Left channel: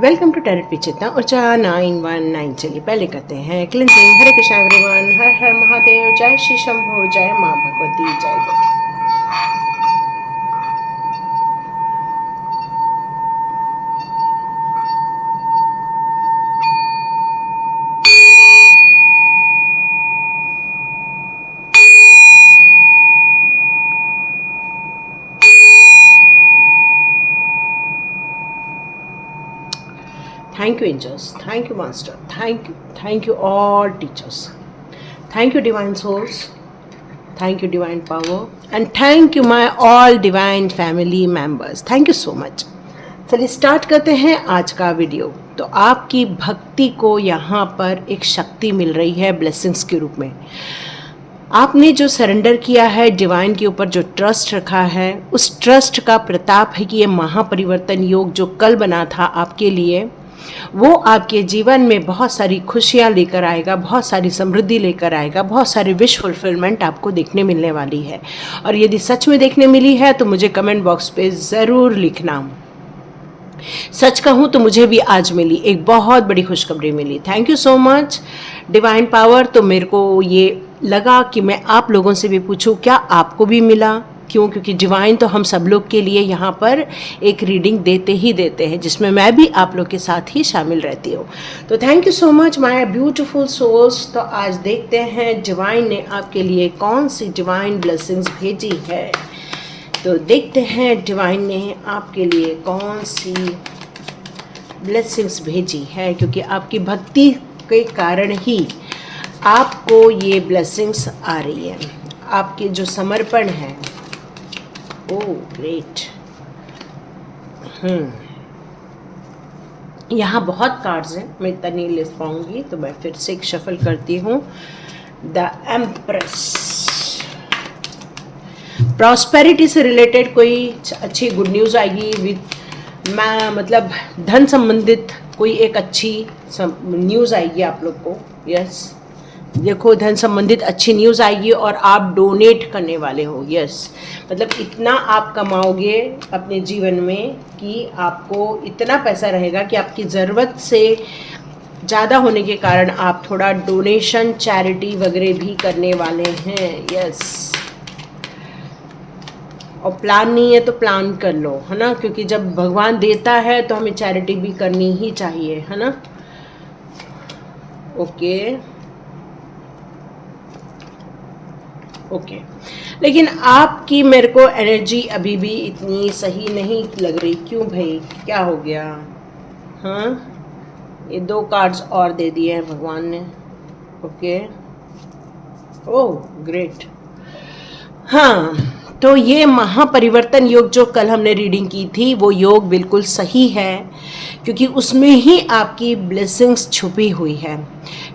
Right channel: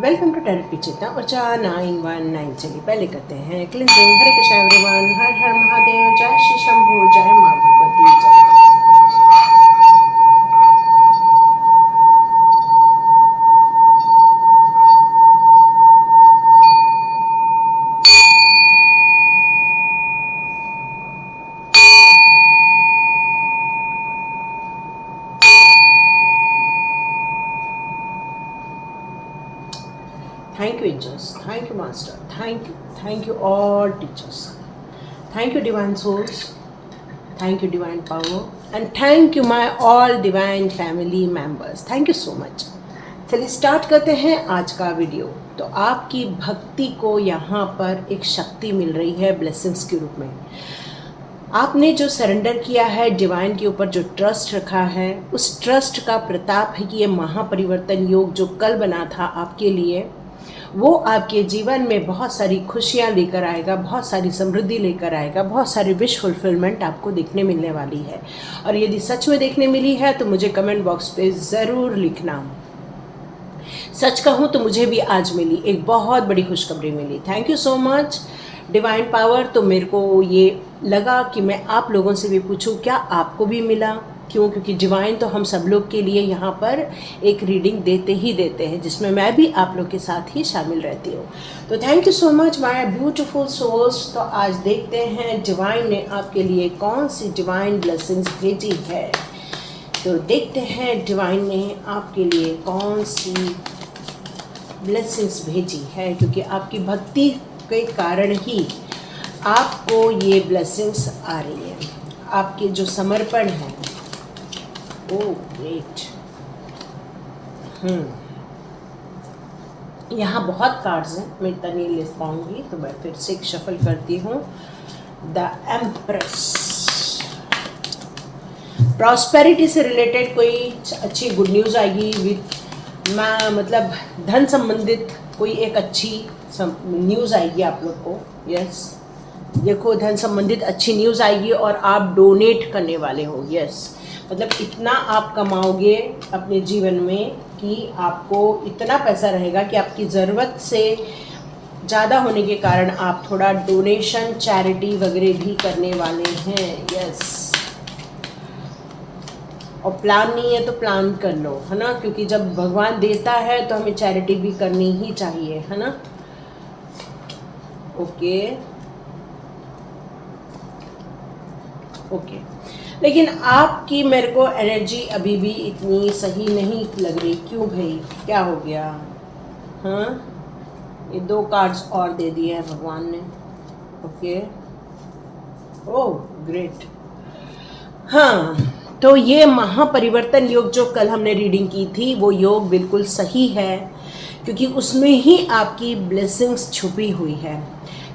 Welcome to tarot विचित्रा ऊर्जा 919। चलिए पहले करते हैं क्लिनजिंग। हरे कृष्णा एवरीवन, हर हर महादेव, जय श्री शंभू, जय माँ भगवती, जय माँ। Thank you angels, thank you master, thank you all teachers, thank you divine souls, thank you divine power, and thank you my all divine family members. Thank you so much. चलिए start करते हैं आज का video. तो आपकी भक्ति को यहाँ पर एक शक्ति मिल रही है ब्लेसिंग्स के रूप में। आपने जो सरेंडर किया है डिवाइन के ऊपर, जो ट्रस्ट रखा है, उस ट्रस्ट का प्रताप है कि ये महापरिवर्तन योग जो कल बना था आपके लिए, वो आपके जीवन में बहुत सारी खुशियाँ लेकर आएगा, बहुत सारी समृद्धि लेकर आएगा, बहुत सारी विश फुलफिलमेंट आपको देखने मिलने वाली है। और यदि सच में देखने मिली है तो मुझे कमेंट बॉक्स पे ज़रूर लिखना। सच कहूँ तो मुझे भी आज मिली, एक बहुत बड़ी खुशखबरी मिली। Thank you so much divine power. तो मेरे को ये लगा कि मैं आप लोगों से भी पूछूं, क्या आपको भी मिला? क्यों? क्योंकि डिवाइन तो हम सब लोग के लिए यहाँ पर एक रीडिंग देते ही देते हैं, जिसमें मैं भी आप लोग के साथ ही शामिल रहती हूँ। तो thank you so much my beautiful souls. तो आज देखते हैं डिवाइन ने आपके लिए कौन सी डिवाइन ब्लेसिंग्स भेजी है। तो देखते हैं डिवाइन ने आपके लिए कौन सी ब्लेसिंग्स भेजी है, क्योंकि आपकी भक्ति के कारण ही आपको ये ब्लेसिंग्स आ रही है। आपके जो समर्पण है, ओह ग्रेट। यहाँ बहुत कार्ड्स हैं, मैं इतना नहीं ले पाऊंगी, तो मैं फिर से एक शफल करती हूँ। द एम्प्रेस, प्रॉस्पेरिटी से रिलेटेड कोई अच्छी गुड न्यूज़ आएगी, विद मतलब धन संबंधित कोई एक अच्छी न्यूज़ आएगी आप लोग को। यस, देखो धन संबंधित अच्छी न्यूज़ आएगी और आप डोनेट करने वाले हो। यस, मतलब इतना आप कमाओगे अपने जीवन में कि आपको इतना पैसा रहेगा कि आपकी ज़रूरत से ज़्यादा होने के कारण आप थोड़ा डोनेशन, चैरिटी वगैरह भी करने वाले हैं। यस, और प्लान नहीं है तो प्लान कर लो, है ना, क्योंकि जब भगवान देता है तो हमें चैरिटी भी करनी ही चाहिए, है ना। ओके ओके, लेकिन आपकी मेरे को एनर्जी अभी भी इतनी सही नहीं लग रही। क्यों भाई, क्या हो गया? हाँ, ये 2 कार्ड्स और दे दिए हैं भगवान ने। Okay, oh great. हाँ, तो ये महापरिवर्तन योग जो कल हमने रीडिंग की थी, वो योग बिल्कुल सही है, क्योंकि उसमें ही आपकी ब्लेसिंग्स छुपी हुई है।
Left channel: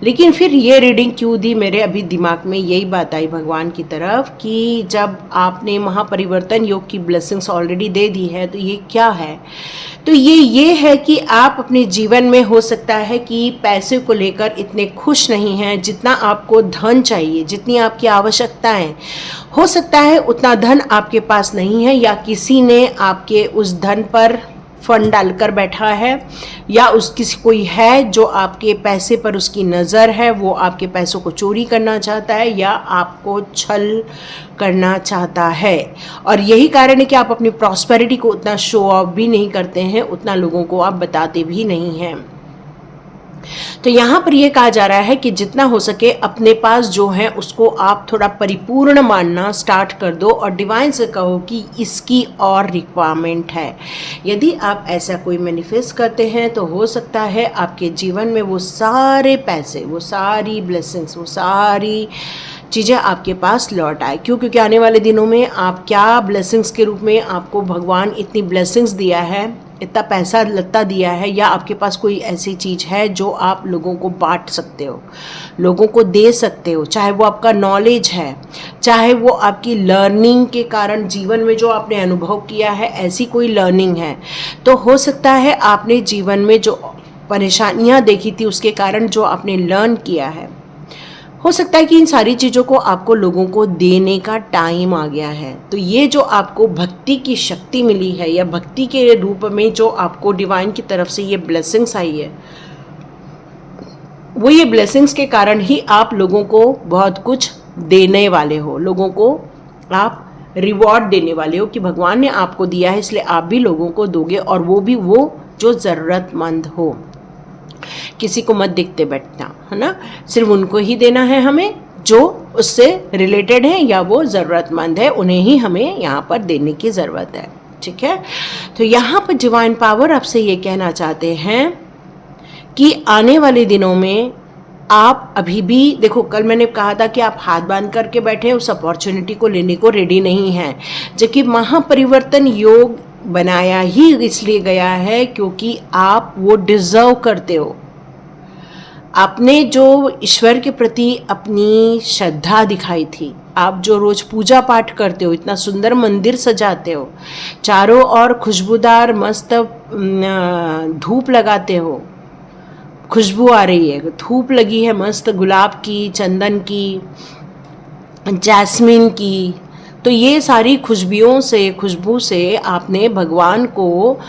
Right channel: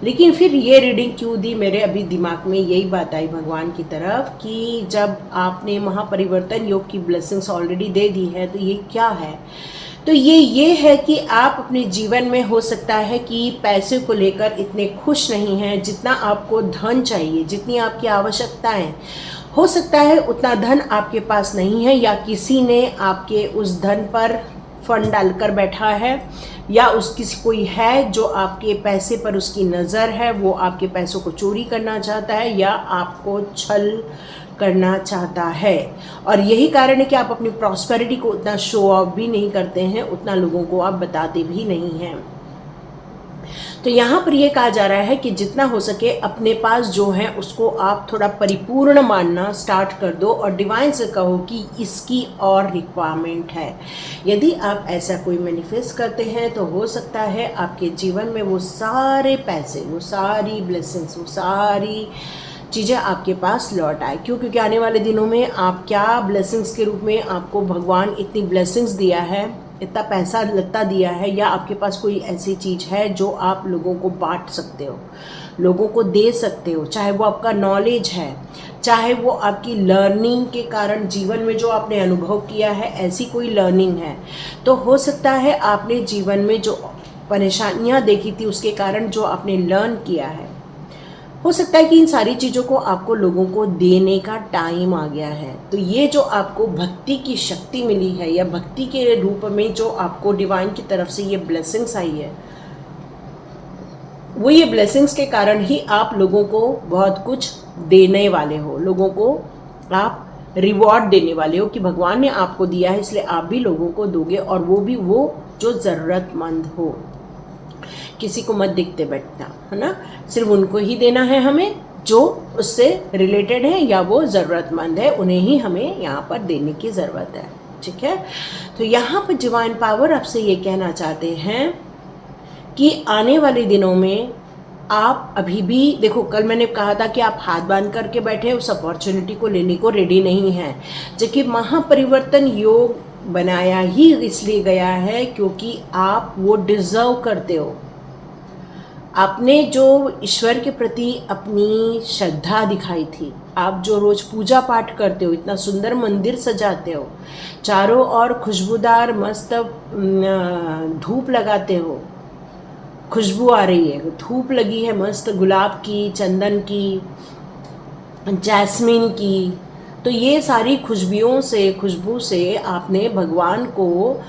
लेकिन फिर ये रीडिंग क्यों दी, मेरे अभी दिमाग में यही बात आई भगवान की तरफ कि जब आपने महापरिवर्तन योग की ब्लेसिंग्स ऑलरेडी दे दी है, तो ये क्या है? तो ये है कि आप अपने जीवन में हो सकता है कि पैसे को लेकर इतने खुश नहीं हैं जितना आपको धन चाहिए, जितनी आपकी आवश्यकताएं। हो सकता है उतना धन आपके पास नहीं है, या किसी ने आपके उस धन पर फंड डालकर बैठा है, या उस किसी कोई है जो आपके पैसे पर उसकी नज़र है, वो आपके पैसों को चोरी करना चाहता है या आपको छल करना चाहता है। और यही कारण है कि आप अपनी प्रॉस्पेरिटी को उतना शो ऑफ भी नहीं करते हैं, उतना लोगों को आप बताते भी नहीं हैं। तो यहाँ पर यह कहा जा रहा है कि जितना हो सके अपने पास जो है उसको आप थोड़ा परिपूर्ण मानना स्टार्ट कर दो, और डिवाइन से कहो कि इसकी और रिक्वायरमेंट है। यदि आप ऐसा कोई मैनिफेस्ट करते हैं तो हो सकता है आपके जीवन में वो सारे पैसे, वो सारी ब्लेसिंग्स, वो सारी चीज़ें आपके पास लौट आए। क्यों? क्योंकि आने वाले दिनों में आप क्या ब्लेसिंग्स के रूप में आपको भगवान इतनी ब्लेसिंग्स दिया है, इतना पैसा लत्ता दिया है, या आपके पास कोई ऐसी चीज़ है जो आप लोगों को बांट सकते हो, लोगों को दे सकते हो, चाहे वो आपका नॉलेज है, चाहे वो आपकी लर्निंग के कारण जीवन में जो आपने अनुभव किया है, ऐसी कोई लर्निंग है। तो हो सकता है आपने जीवन में जो परेशानियां देखी थी उसके कारण जो आपने लर्न किया है, हो सकता है कि इन सारी चीज़ों को आपको लोगों को देने का टाइम आ गया है। तो ये जो आपको भक्ति की शक्ति मिली है या भक्ति के रूप में जो आपको डिवाइन की तरफ से ये ब्लेसिंग्स आई है, वो ये ब्लेसिंग्स के कारण ही आप लोगों को बहुत कुछ देने वाले हो, लोगों को आप रिवॉर्ड देने वाले हो कि भगवान ने आपको दिया है इसलिए आप भी लोगों को दोगे, और वो भी वो जो ज़रूरतमंद हो। किसी को मत दिखते बैठना, है ना, सिर्फ उनको ही देना है हमें जो उससे रिलेटेड है या वो ज़रूरतमंद है, उन्हें ही हमें यहाँ पर देने की ज़रूरत है। ठीक है, तो यहाँ पर डिवाइन पावर आपसे ये कहना चाहते हैं कि आने वाले दिनों में आप अभी भी देखो, कल मैंने कहा था कि आप हाथ बांध करके बैठे उस अपॉर्चुनिटी को लेने को रेडी नहीं हैं, जबकि महापरिवर्तन योग बनाया ही इसलिए गया है क्योंकि आप वो डिजर्व करते हो। आपने जो ईश्वर के प्रति अपनी श्रद्धा दिखाई थी, आप जो रोज पूजा पाठ करते हो, इतना सुंदर मंदिर सजाते हो, चारों ओर खुशबूदार मस्त धूप लगाते हो, खुशबू आ रही है, धूप लगी है मस्त गुलाब की, चंदन की, जैस्मिन की, तो ये सारी खुशबू से आपने भगवान को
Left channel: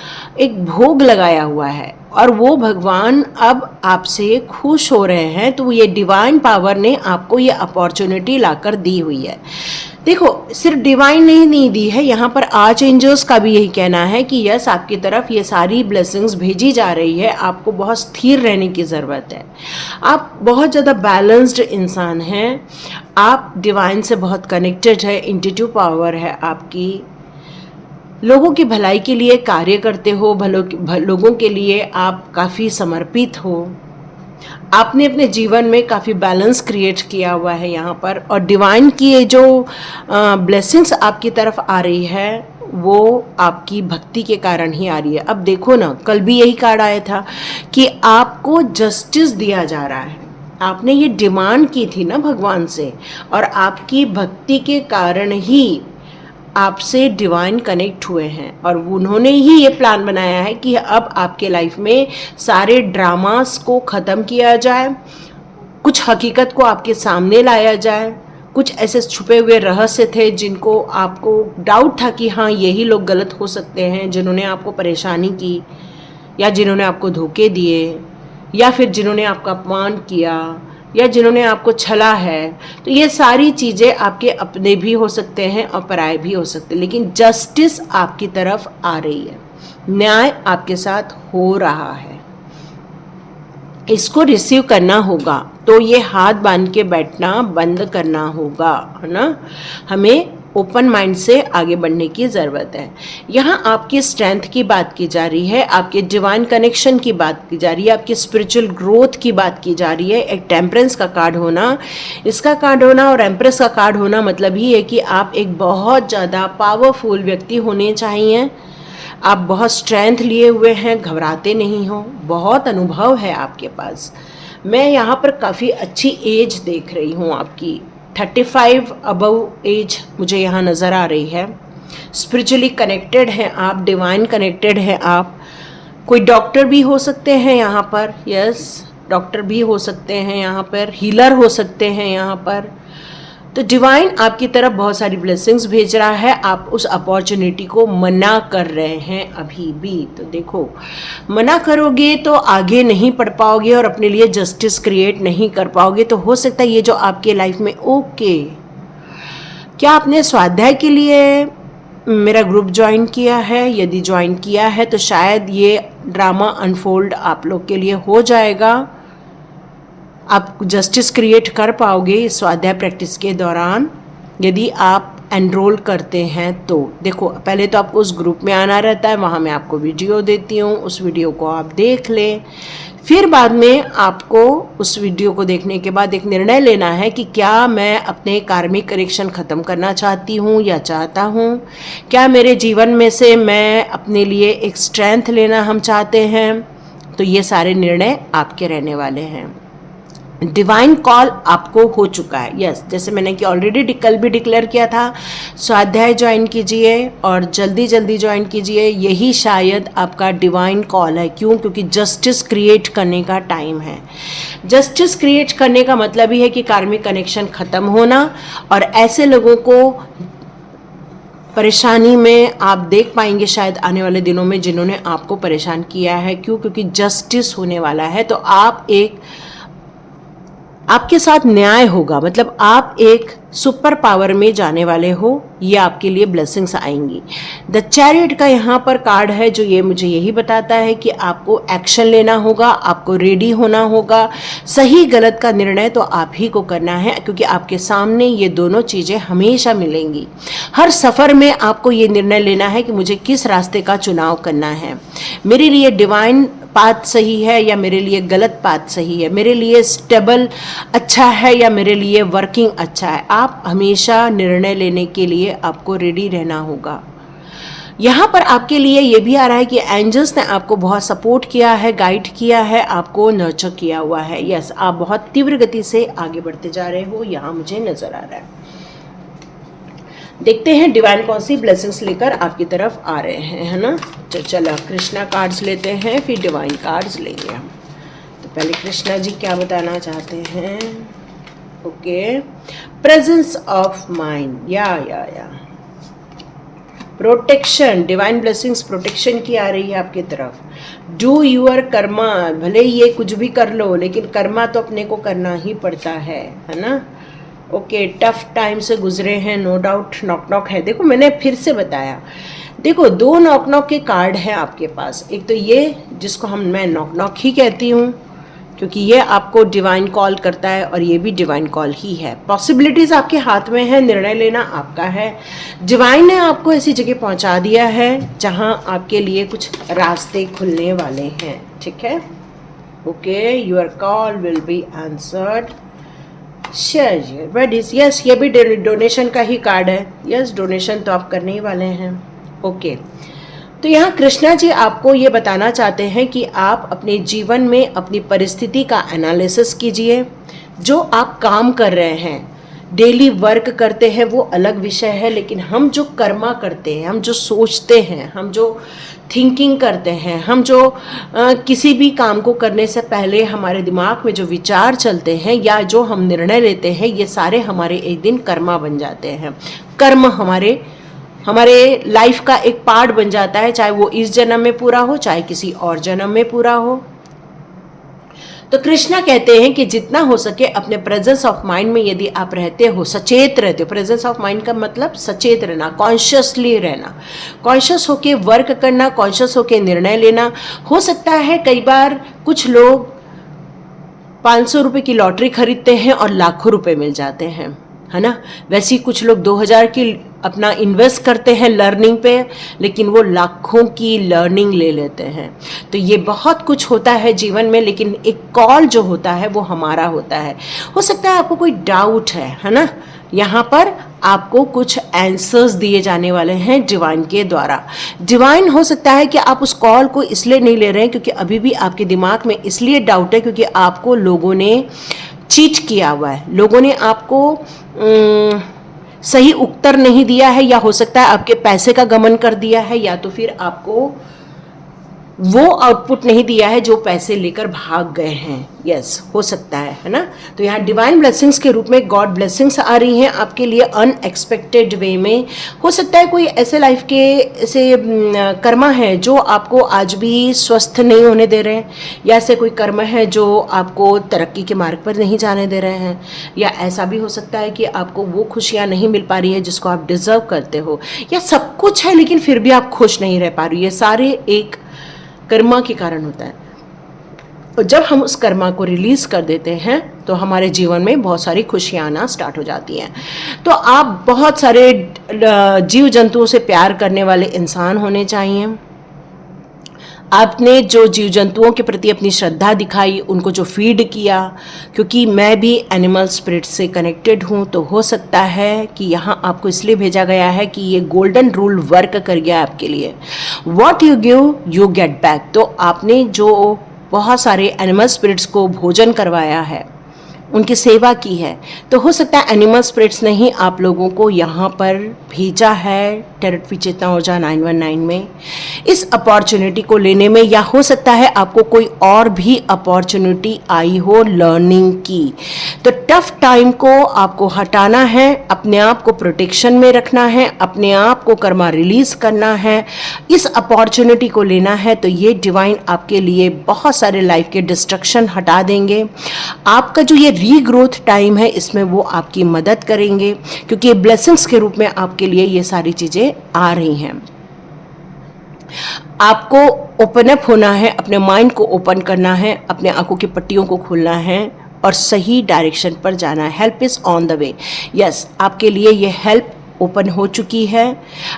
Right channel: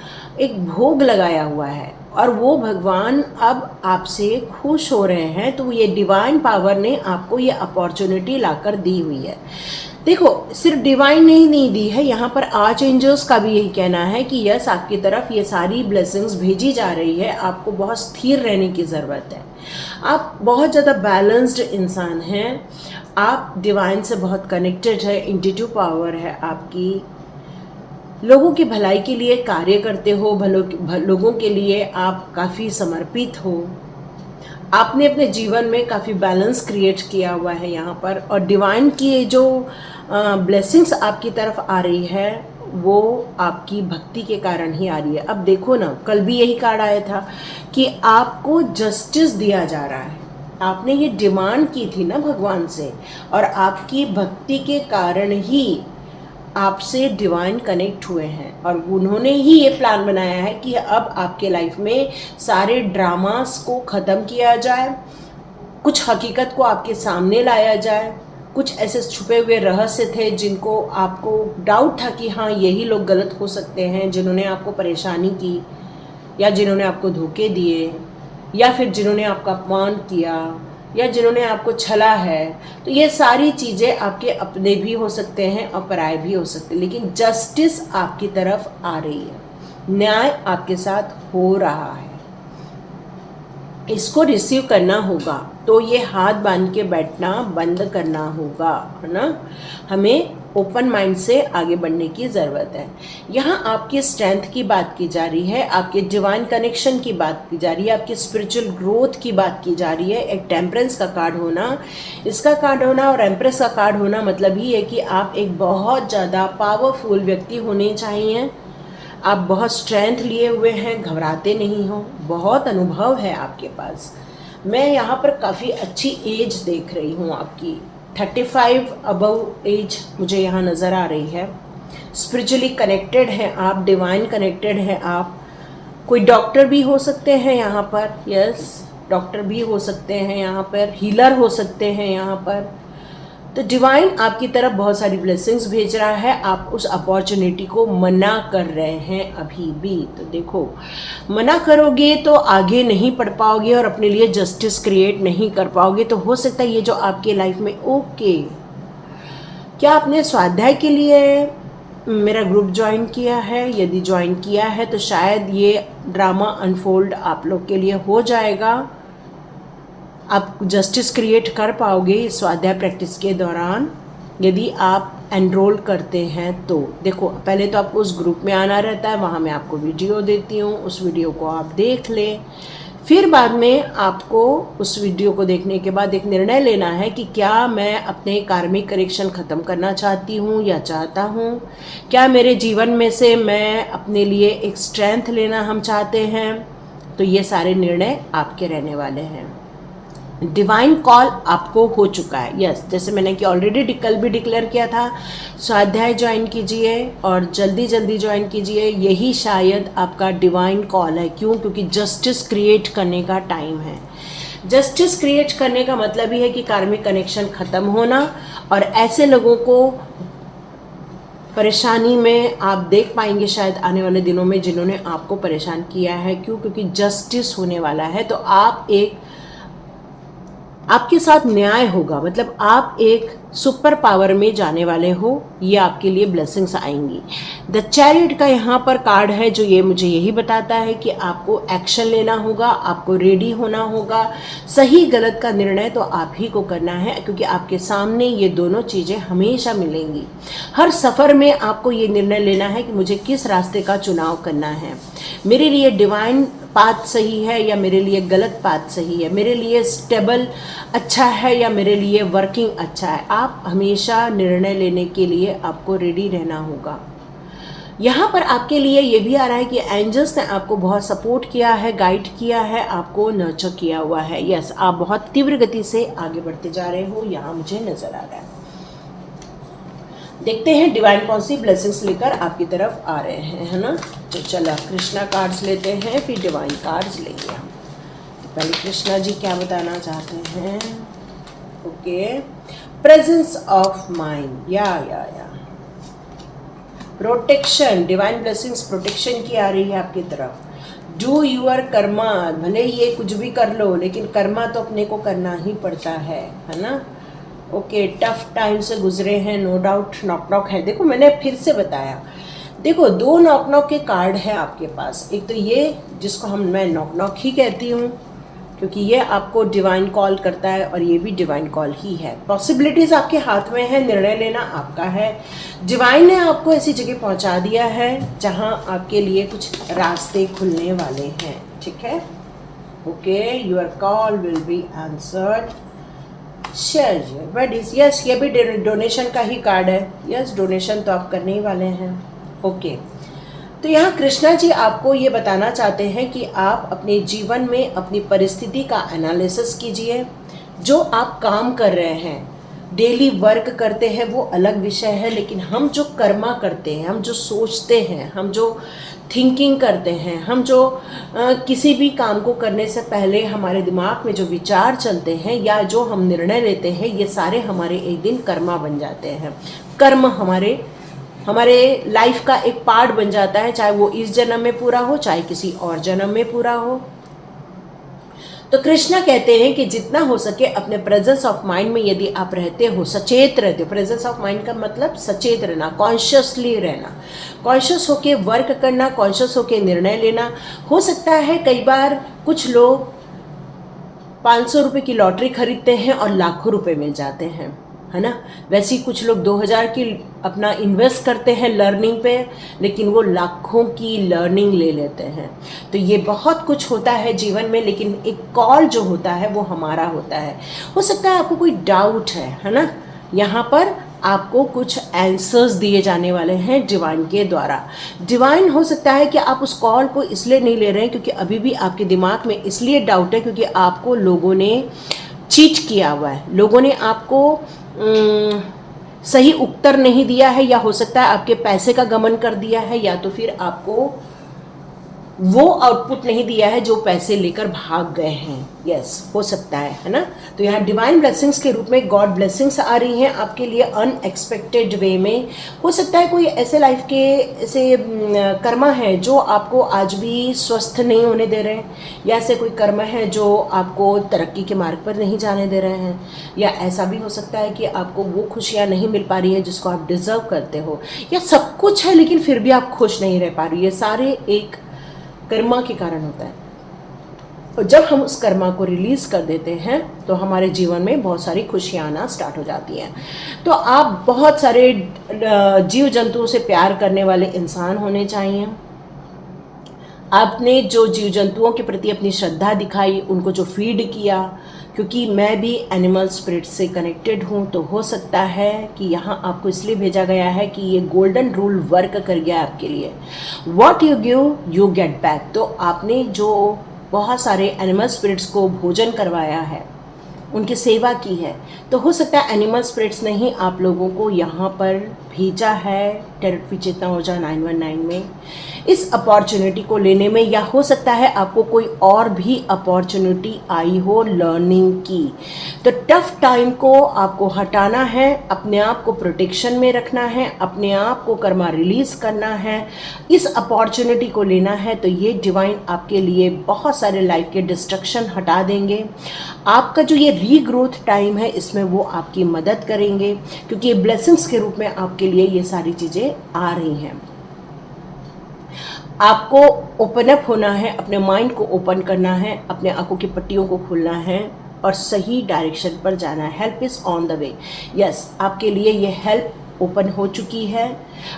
एक भोग लगाया हुआ है और वो भगवान अब आपसे खुश हो रहे हैं। तो ये डिवाइन पावर ने आपको ये अपॉर्चुनिटी लाकर दी हुई है। देखो, सिर्फ डिवाइन ने नहीं दी है, यहाँ पर आर्च एंजल्स का भी यही कहना है कि यस, आपकी तरफ ये सारी ब्लेसिंग्स भेजी जा रही है। आपको बहुत स्थिर रहने की ज़रूरत है। आप बहुत ज़्यादा बैलेंस्ड इंसान हैं, आप डिवाइन से बहुत कनेक्टेड है, इंट्यूटिव पावर है आपकी, लोगों की भलाई के लिए कार्य करते हो, लोगों के लिए आप काफ़ी समर्पित हो, आपने अपने जीवन में काफ़ी बैलेंस क्रिएट किया हुआ है यहाँ पर, और डिवाइन की ये जो ब्लेसिंग्स आपकी तरफ आ रही है वो आपकी भक्ति के कारण ही आ रही है। अब देखो ना, कल भी यही कार्ड आया था कि आपको जस्टिस दिया जा रहा है। आपने ये डिमांड की थी ना भगवान से, और आपकी भक्ति के कारण ही आपसे डिवाइन कनेक्ट हुए हैं और उन्होंने ही ये प्लान बनाया है कि अब आपके लाइफ में सारे ड्रामास को ख़त्म किया जाए, कुछ हकीकत को आपके सामने लाया जाए। कुछ ऐसे छुपे हुए रहस्य थे जिनको आपको डाउट था कि हाँ, यही लोग गलत हो सकते हैं, जिन्होंने आपको परेशानी की या जिन्होंने आपको धोखे दिए या फिर जिन्होंने आपका अपमान किया या जिन्होंने आपको छला है। तो ये सारी चीज़ें आपके अपने भी हो सकते हैं और पराये भी हो सकते हैं, लेकिन जस्टिस आपकी तरफ आ रही है, न्याय आपके साथ हो रहा है, इसको रिसीव करना होगा। तो ये हाथ बांध के बैठना बंद करना होगा, है ना। हमें ओपन माइंड से आगे बढ़ने की ज़रूरत है। यहाँ आपकी स्ट्रेंथ की बात की जा रही है, आपके डिवाइन कनेक्शन की बात की जा रही है, आपकी स्पिरिचुअल ग्रोथ की बात की जा रही है। एक टेम्परेंस का कार्ड होना, इसका कार्ड होना और एम्प्रेस का कार्ड होना मतलब ही है कि आप एक बहुत ज़्यादा पावरफुल व्यक्ति होने चाहिए। आप बहुत स्ट्रेंथ लिए हुए हैं, घबराते नहीं हो, बहुत अनुभव है आपके पास। मैं यहाँ पर काफ़ी अच्छी एज देख रही हूँ आपकी, 35 अबव एज मुझे यहाँ नज़र आ रही है। स्पिरिचुअली कनेक्टेड हैं आप, डिवाइन कनेक्टेड हैं आप। कोई डॉक्टर भी हो सकते हैं यहाँ पर, यस, डॉक्टर भी हो सकते हैं यहाँ पर, हीलर हो सकते हैं यहाँ पर। तो डिवाइन आपकी तरफ बहुत सारी ब्लेसिंग्स भेज रहा है, आप उस अपॉर्चुनिटी को मना कर रहे हैं अभी भी। तो देखो, मना करोगे तो आगे नहीं बढ़ पाओगे और अपने लिए जस्टिस क्रिएट नहीं कर पाओगे। तो हो सकता है ये जो आपके लाइफ में, ओके, क्या आपने स्वाध्याय के लिए मेरा ग्रुप ज्वाइन किया है? यदि ज्वाइन किया है तो शायद ये ड्रामा अनफोल्ड आप लोग के लिए हो जाएगा। आप जस्टिस क्रिएट कर पाओगे इस स्वाध्याय प्रैक्टिस के दौरान यदि आप एनरोल करते हैं तो। देखो, पहले तो आपको उस ग्रुप में आना रहता है, वहाँ मैं आपको वीडियो देती हूँ, उस वीडियो को आप देख लें। फिर बाद में आपको उस वीडियो को देखने के बाद एक निर्णय लेना है कि क्या मैं अपने कार्मिक करेक्शन ख़त्म करना चाहती हूँ या चाहता हूँ, क्या मेरे जीवन में से मैं अपने लिए एक स्ट्रेंथ लेना हम चाहते हैं। तो ये सारे निर्णय आपके रहने वाले हैं। डिवाइन कॉल आपको हो चुका है। यस, जैसे मैंने कि ऑलरेडी कल भी डिक्लेयर किया था, स्वाध्याय ज्वाइन कीजिए और जल्दी जल्दी ज्वाइन कीजिए। यही शायद आपका डिवाइन कॉल है। क्यों? क्योंकि जस्टिस क्रिएट करने का टाइम है। जस्टिस क्रिएट करने का मतलब ही है कि कार्मिक कनेक्शन ख़त्म होना, और ऐसे लोगों को परेशानी में आप देख पाएंगे शायद आने वाले दिनों में जिन्होंने आपको परेशान किया है। क्यों? क्योंकि जस्टिस होने वाला है। तो आपके साथ न्याय होगा, मतलब आप एक सुपर पावर में जाने वाले हो। ये आपके लिए ब्लेसिंग्स आएंगी। द चैरियट का यहाँ पर कार्ड है जो ये मुझे यही बताता है कि आपको एक्शन लेना होगा, आपको रेडी होना होगा। सही गलत का निर्णय तो आप ही को करना है, क्योंकि आपके सामने ये दोनों चीज़ें हमेशा मिलेंगी। हर सफ़र में आपको ये निर्णय लेना है कि मुझे किस रास्ते का चुनाव करना है। मेरे लिए डिवाइन पाथ सही है या मेरे लिए गलत पाथ सही है, मेरे लिए स्टेबल अच्छा है या मेरे लिए वर्किंग अच्छा है। आप हमेशा निर्णय लेने के लिए आपको रेडी रहना होगा। यहाँ पर आपके लिए ये भी आ रहा है कि एंजल्स ने आपको बहुत सपोर्ट किया है, गाइड किया है, आपको नर्चर किया हुआ है। यस, आप बहुत तीव्र गति से आगे बढ़ते जा रहे हो, यहाँ मुझे नजर आ रहा है। देखते हैं डिवाइन कौन सी ब्लेसिंग्स लेकर आपकी तरफ आ रहे हैं, है ना। तो चलो कृष्णा कार्ड्स लेते हैं, फिर डिवाइन कार्ड्स लेंगे हम। तो पहले कृष्णा जी क्या बताना चाहते हैं। ओके, प्रेजेंस ऑफ माइंड, या प्रोटेक्शन, डिवाइन ब्लेसिंग्स प्रोटेक्शन की आ रही है आपकी तरफ। डू यूअर कर्मा, भले ये कुछ भी कर लो लेकिन कर्मा तो अपने को करना ही पड़ता है ना। ओके, टफ टाइम से गुजरे हैं, नो डाउट। नॉक नॉक है, देखो मैंने फिर से बताया, देखो दो नॉक नॉक के कार्ड हैं आपके पास। एक तो ये जिसको मैं नॉक नॉक ही कहती हूँ, क्योंकि ये आपको डिवाइन कॉल करता है और ये भी डिवाइन कॉल ही है। पॉसिबिलिटीज़ आपके हाथ में है, निर्णय लेना आपका है। डिवाइन ने आपको ऐसी जगह पहुंचा दिया है जहां आपके लिए कुछ रास्ते खुलने वाले हैं, ठीक है। Okay, your call will be answered. Share but इस यस, ये भी डोनेशन का ही कार्ड है। यस, डोनेशन तो आप करने ही वाले हैं। ओके, तो यहाँ कृष्णा जी आपको ये बताना चाहते हैं कि आप अपने जीवन में अपनी परिस्थिति का एनालिसिस कीजिए। जो आप काम कर रहे हैं, डेली वर्क करते हैं, वो अलग विषय है, लेकिन हम जो कर्मा करते हैं, हम जो सोचते हैं, हम जो थिंकिंग करते हैं, हम जो किसी भी काम को करने से पहले हमारे दिमाग में जो विचार चलते हैं या जो हम निर्णय लेते हैं, ये सारे हमारे एक दिन कर्मा बन जाते हैं। कर्म हमारे लाइफ का एक पार्ट बन जाता है, चाहे वो इस जन्म में पूरा हो, चाहे किसी और जन्म में पूरा हो। तो कृष्णा कहते हैं कि जितना हो सके अपने प्रेजेंस ऑफ माइंड में यदि आप रहते हो, सचेत रहते हो। प्रेजेंस ऑफ माइंड का मतलब सचेत रहना, कॉन्शियसली रहना, कॉन्शियस होके वर्क करना, कॉन्शियस होके निर्णय लेना। हो सकता है कई बार कुछ लोग 500 रुपये की लॉटरी खरीदते हैं और लाखों रुपए मिल जाते हैं, है ना। वैसे ही कुछ लोग 2000 की अपना इन्वेस्ट करते हैं लर्निंग पे, लेकिन वो लाखों की लर्निंग ले लेते हैं। तो ये बहुत कुछ होता है जीवन में, लेकिन एक कॉल जो होता है वो हमारा होता है। हो सकता है आपको कोई डाउट है ना। यहाँ पर आपको कुछ आंसर्स दिए जाने वाले हैं डिवाइन के द्वारा। डिवाइन हो सकता है कि आप उस कॉल को इसलिए नहीं ले रहे हैं क्योंकि अभी भी आपके दिमाग में इसलिए डाउट है क्योंकि आपको लोगों ने चीट किया हुआ है, लोगों ने आपको सही उत्तर नहीं दिया है, या हो सकता है आपके पैसे का गमन कर दिया है, या तो फिर आपको वो आउटपुट नहीं दिया है जो पैसे लेकर भाग गए हैं। यस, हो सकता है ना। तो यहाँ डिवाइन ब्लेसिंग्स के रूप में गॉड ब्लेसिंग्स आ रही हैं आपके लिए अनएक्सपेक्टेड वे में। हो सकता है कोई ऐसे लाइफ के ऐसे कर्मा है जो आपको आज भी स्वस्थ नहीं होने दे रहे हैं, या ऐसे कोई कर्म है जो आपको तरक्की के मार्ग पर नहीं जाने दे रहे हैं, या ऐसा भी हो सकता है कि आपको वो खुशियाँ नहीं मिल पा रही है जिसको आप डिजर्व करते हो, या सब कुछ है लेकिन फिर भी आप खुश नहीं रह पा रही है। सारे एक कर्मा के कारण होता है। और जब हम उस कर्मा को रिलीज कर देते हैं तो हमारे जीवन में बहुत सारी खुशियाँ आना स्टार्ट हो जाती हैं। तो आप बहुत सारे जीव जंतुओं से प्यार करने वाले इंसान होने चाहिए। आपने जो जीव जंतुओं के प्रति अपनी श्रद्धा दिखाई, उनको जो फीड किया, क्योंकि मैं भी एनिमल स्पिरिट से कनेक्टेड हूँ, तो हो सकता है कि यहाँ आपको इसलिए भेजा गया है कि ये गोल्डन रूल वर्क कर गया आपके लिए। What you give you get back. तो आपने जो बहुत सारे एनिमल स्पिरिट्स को भोजन करवाया है, उनकी सेवा की है, तो हो सकता है एनिमल स्पिरिट्स ने ही आप लोगों को यहाँ पर भेजा है टेरिटरी चेतना ऊर्जा 919 में इस अपॉर्चुनिटी को लेने में, या हो सकता है आपको कोई और भी अपॉर्चुनिटी आई हो लर्निंग की। तो टफ टाइम को आपको हटाना है, अपने आप को प्रोटेक्शन में रखना है, अपने आप को कर्मा रिलीज करना है, इस अपॉर्चुनिटी को लेना है। तो ये डिवाइन आपके लिए बहुत सारे लाइफ के डिस्ट्रक्शन हटा देंगे। आपका जो ये रीग्रोथ टाइम है इसमें वो आपकी मदद करेंगे, क्योंकि ये ब्लेसिंग्स के रूप में आपके लिए ये सारी चीज़ें आ रही हैं। आपको ओपन अप होना है, अपने माइंड को ओपन करना है, अपने आंखों की पट्टियों को खोलना है और सही डायरेक्शन पर जाना है। Help is on the way. Yes, आपके लिए ये हेल्प ओपन हो चुकी है।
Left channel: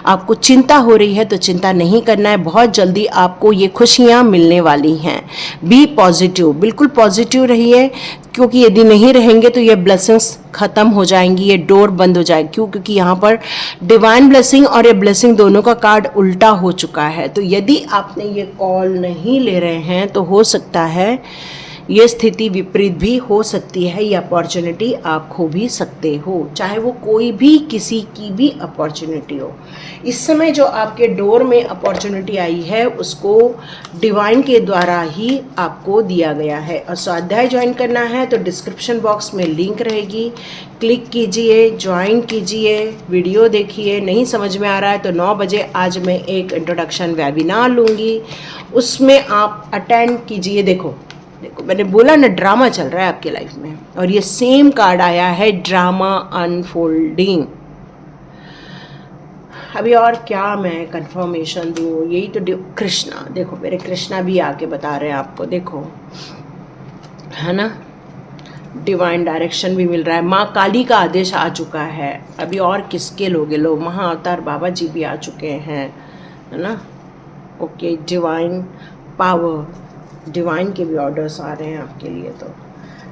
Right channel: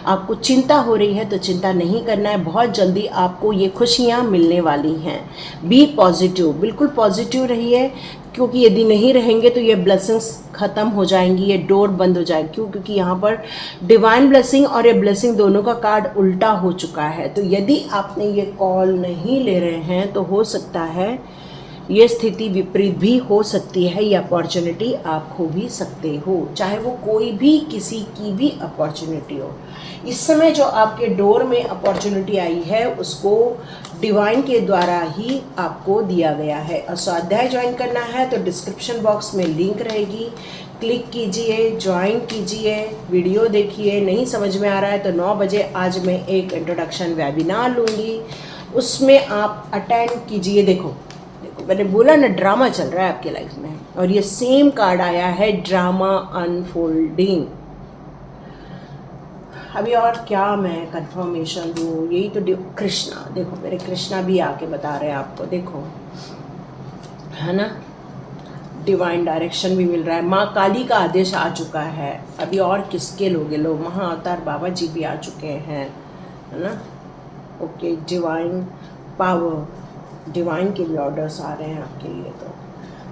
आपको चिंता हो रही है तो चिंता नहीं करना है, बहुत जल्दी आपको ये खुशियाँ मिलने वाली हैं। बी पॉजिटिव, बिल्कुल पॉजिटिव रहिए, क्योंकि यदि नहीं रहेंगे तो ये ब्लेसिंग्स ख़त्म हो जाएंगी, ये डोर बंद हो जाएगी। क्यों? क्योंकि यहाँ पर डिवाइन ब्लेसिंग और ये ब्लेसिंग दोनों का कार्ड उल्टा हो चुका है। तो यदि आपने ये कॉल नहीं ले रहे हैं तो हो सकता है ये स्थिति विपरीत भी हो सकती है, ये अपॉर्चुनिटी आप खो भी सकते हो, चाहे वो कोई भी किसी की भी अपॉर्चुनिटी हो। इस समय जो आपके डोर में अपॉर्चुनिटी आई है उसको डिवाइन के द्वारा ही आपको दिया गया है। और स्वाध्याय ज्वाइन करना है तो डिस्क्रिप्शन बॉक्स में लिंक रहेगी, क्लिक कीजिए, ज्वाइन कीजिए, वीडियो देखिए। नहीं समझ में आ रहा है तो 9 बजे आज मैं एक इंट्रोडक्शन वेबिनार लूँगी, उसमें आप अटेंड कीजिए। देखो मैंने बोला ना, ड्रामा चल रहा है आपके लाइफ में, और ये सेम कार्ड आया है, ड्रामा अनफोल्डिंग। अभी और क्या मैं कंफर्मेशन दूँ, यही तो कृष्णा, देखो मेरे कृष्णा भी आके बता रहे हैं आपको, देखो है ना, डिवाइन डायरेक्शन भी मिल रहा है। माँ काली का आदेश आ चुका है। अभी और किसके लोगे लोग, महाअवतार बाबा जी भी आ चुके हैं, है ना। ओके, डिवाइन पावर, डिवाइन के भी ऑर्डर्स आ रहे हैं आपके लिए।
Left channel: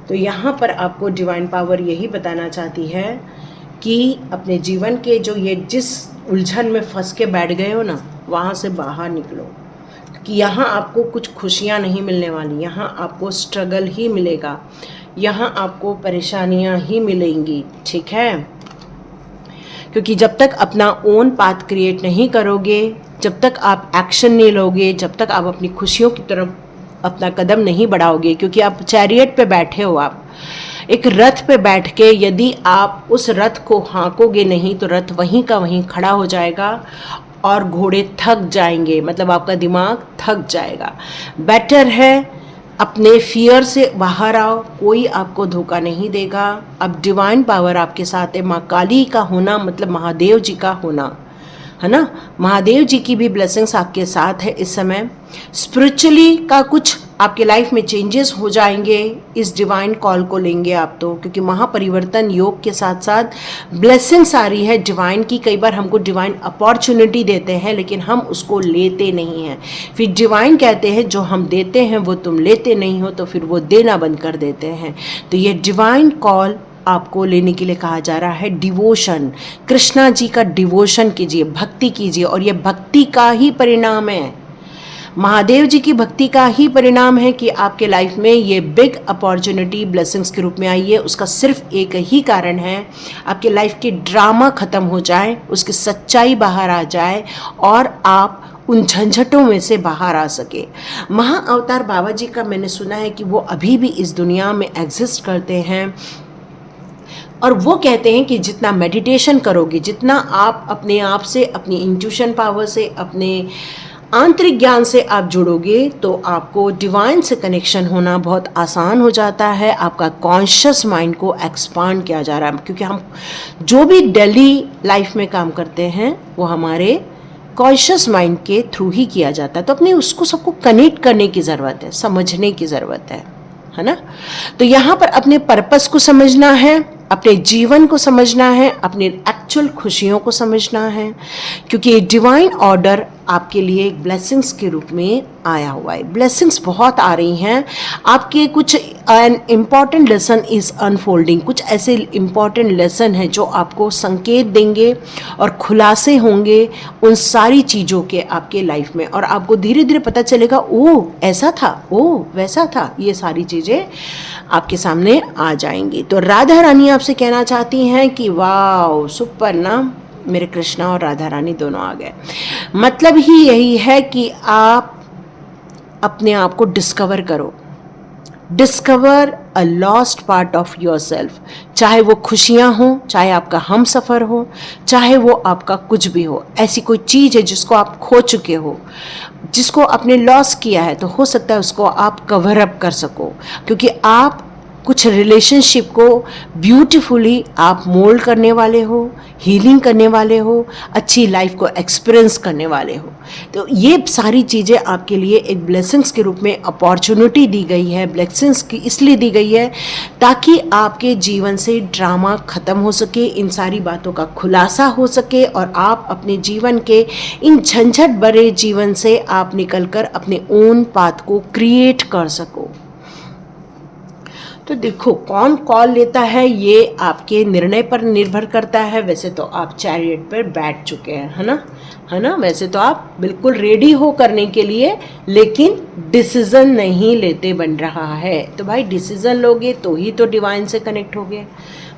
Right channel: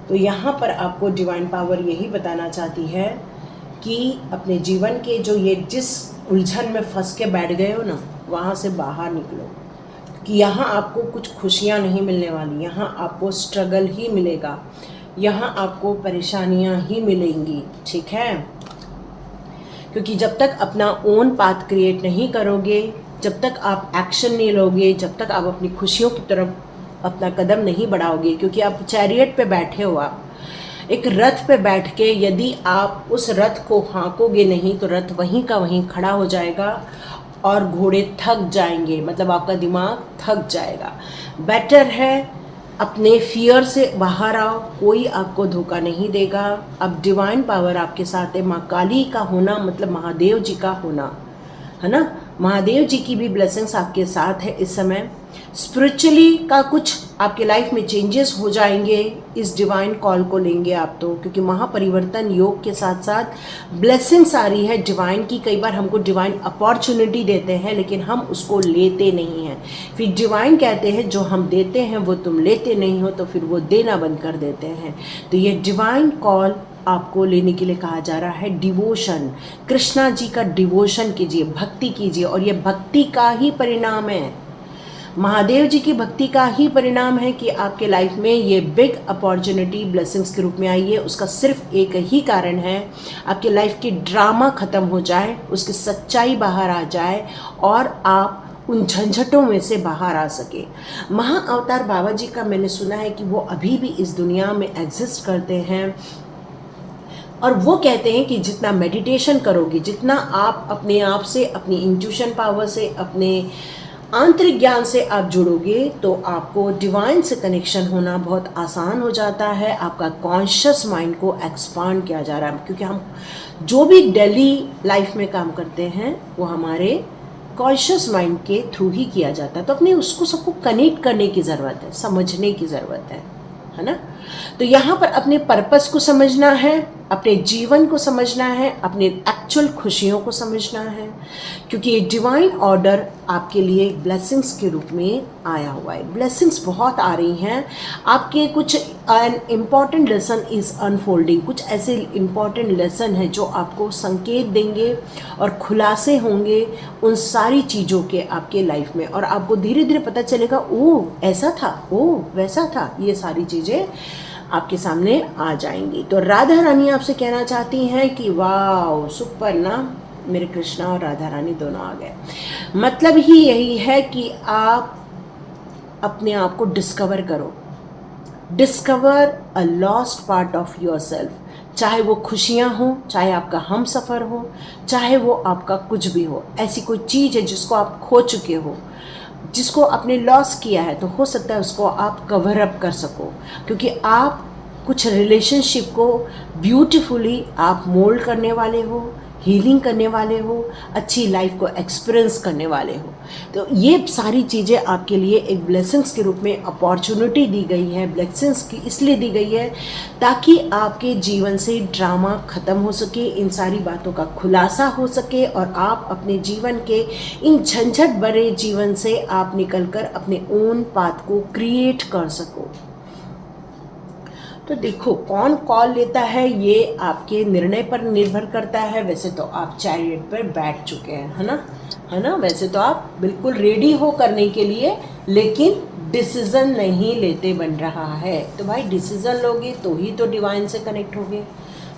तो यहाँ पर आपको डिवाइन पावर यही बताना चाहती है कि अपने जीवन के जो ये जिस उलझन में फंस के बैठ गए हो ना, वहाँ से बाहर निकलो, कि यहाँ आपको कुछ खुशियाँ नहीं मिलने वाली, यहाँ आपको स्ट्रगल ही मिलेगा, यहाँ आपको परेशानियाँ ही मिलेंगी, ठीक है। क्योंकि जब तक अपना ओन पाथ क्रिएट नहीं करोगे, जब तक आप एक्शन नहीं लोगे, जब तक आप अपनी खुशियों की तरफ अपना कदम नहीं बढ़ाओगे, क्योंकि आप चैरियट पे बैठे हो, आप एक रथ पे बैठ के यदि आप उस रथ को हाँकोगे नहीं तो रथ वहीं का वहीं खड़ा हो जाएगा और घोड़े थक जाएंगे, मतलब आपका दिमाग थक जाएगा। बेटर है अपने फियर से बाहर आओ, कोई आपको धोखा नहीं देगा। अब डिवाइन पावर आपके साथ है, माँ काली का होना मतलब महादेव जी का होना, है ना। महादेव जी की भी ब्लेसिंग्स आपके साथ है इस समय। स्पिरिचुअली का कुछ आपके लाइफ में चेंजेस हो जाएंगे इस डिवाइन कॉल को लेंगे आप तो, क्योंकि महापरिवर्तन योग के साथ साथ ब्लेसिंग्स आ रही है डिवाइन की। कई बार हमको डिवाइन अपॉर्चुनिटी देते हैं लेकिन हम उसको लेते नहीं हैं, फिर डिवाइन कहते हैं जो हम देते हैं वो तुम लेते नहीं हो, तो फिर वो देना बंद कर देते हैं। तो ये डिवाइन कॉल आपको लेने के लिए कहा जा रहा है। डिवोशन, कृष्णा जी का डिवोशन कीजिए, भक्ति कीजिए, और ये भक्ति का ही परिणाम है, महादेव जी की भक्ति का ही परिणाम है कि आपके लाइफ में ये बिग अपॉर्चुनिटी ब्लेसिंग्स के रूप में आई है। उसका सिर्फ एक ही कारण है, आपके लाइफ की ड्रामा ख़त्म हो जाए, उसकी सच्चाई बाहर आ जाए और आप उन झंझटों में से बाहर आ सके। महाअवतार बाबा जी का मैंने सुना है कि वो अभी भी इस दुनिया में एग्जिस्ट करते हैं, और वो कहते हैं कि जितना मेडिटेशन करोगे, जितना आप अपने आप से, अपनी इंट्यूशन पावर से, अपने आंतरिक ज्ञान से आप जुड़ोगे, तो आपको डिवाइन से कनेक्शन होना बहुत आसान हो जाता है। आपका कॉन्शियस माइंड को एक्सपांड किया जा रहा है, क्योंकि हम जो भी डेली लाइफ में काम करते हैं वो हमारे कॉन्शियस माइंड के थ्रू ही किया जाता है। तो अपने उसको सबको कनेक्ट करने की ज़रूरत है, समझने की ज़रूरत है ना। तो यहाँ पर अपने पर्पस को समझना है, अपने जीवन को समझना है, अपने एक्चुअल खुशियों को समझना है, क्योंकि ये डिवाइन ऑर्डर आपके लिए एक ब्लेसिंग्स के रूप में आया हुआ है। ब्लेसिंग्स बहुत आ रही हैं आपके। कुछ an important lesson is unfolding, कुछ ऐसे इम्पॉर्टेंट लेसन हैं जो आपको संकेत देंगे और खुलासे होंगे उन सारी चीज़ों के आपके लाइफ में, और आपको धीरे धीरे पता चलेगा, ओह ऐसा था, ओह वैसा था। ये सारी चीज़ें आपके सामने आ जाएंगी। तो राधा रानी आपसे कहना चाहती हैं कि वाह सुपर ना, मेरे कृष्णा और राधा रानी दोनों आ गए। मतलब ही यही है कि आप अपने आप को डिस्कवर करो, discover a lost part of your self. चाहे वो खुशियाँ हो, चाहे आपका हम सफ़र हो, चाहे वो आपका कुछ भी हो, ऐसी कोई चीज़ है जिसको आप खो चुके हो, जिसको आपने लॉस किया है, तो हो सकता है उसको आप कवर अप कर सको, क्योंकि आप कुछ रिलेशनशिप को ब्यूटीफुली आप मोल्ड करने वाले हो, हीलिंग करने वाले हो, अच्छी लाइफ को एक्सपीरियंस करने वाले हो। तो ये सारी चीज़ें आपके लिए एक ब्लेसिंग्स के रूप में अपॉर्चुनिटी दी गई है। ब्लेसिंग्स की इसलिए दी गई है ताकि आपके जीवन से ड्रामा ख़त्म हो सके, इन सारी बातों का खुलासा हो सके और आप अपने जीवन के इन झंझट भरे जीवन से आप निकलकर अपने ओन पाथ को क्रिएट कर सको। तो देखो कौन कॉल लेता है ये आपके निर्णय पर निर्भर करता है। वैसे तो आप चैरियट पर बैठ चुके हैं, है ना, वैसे तो आप बिल्कुल रेडी हो करने के लिए, लेकिन डिसीजन नहीं लेते बन रहा है। तो भाई डिसीजन लोगे तो ही तो डिवाइन से कनेक्ट होगे,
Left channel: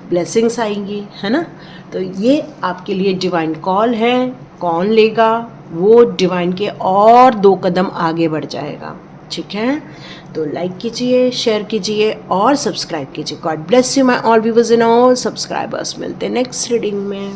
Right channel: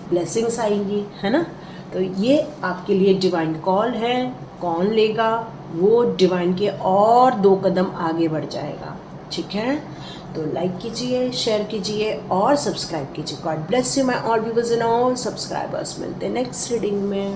ब्लेसिंग्स आएंगी, है ना। तो ये आपके लिए डिवाइन कॉल है। कौन लेगा वो डिवाइन के और 2 कदम आगे बढ़ जाएगा, ठीक है। तो लाइक कीजिए, शेयर कीजिए और सब्सक्राइब कीजिए। God bless you my all viewers and all subscribers. मिलते हैं नेक्स्ट रीडिंग में।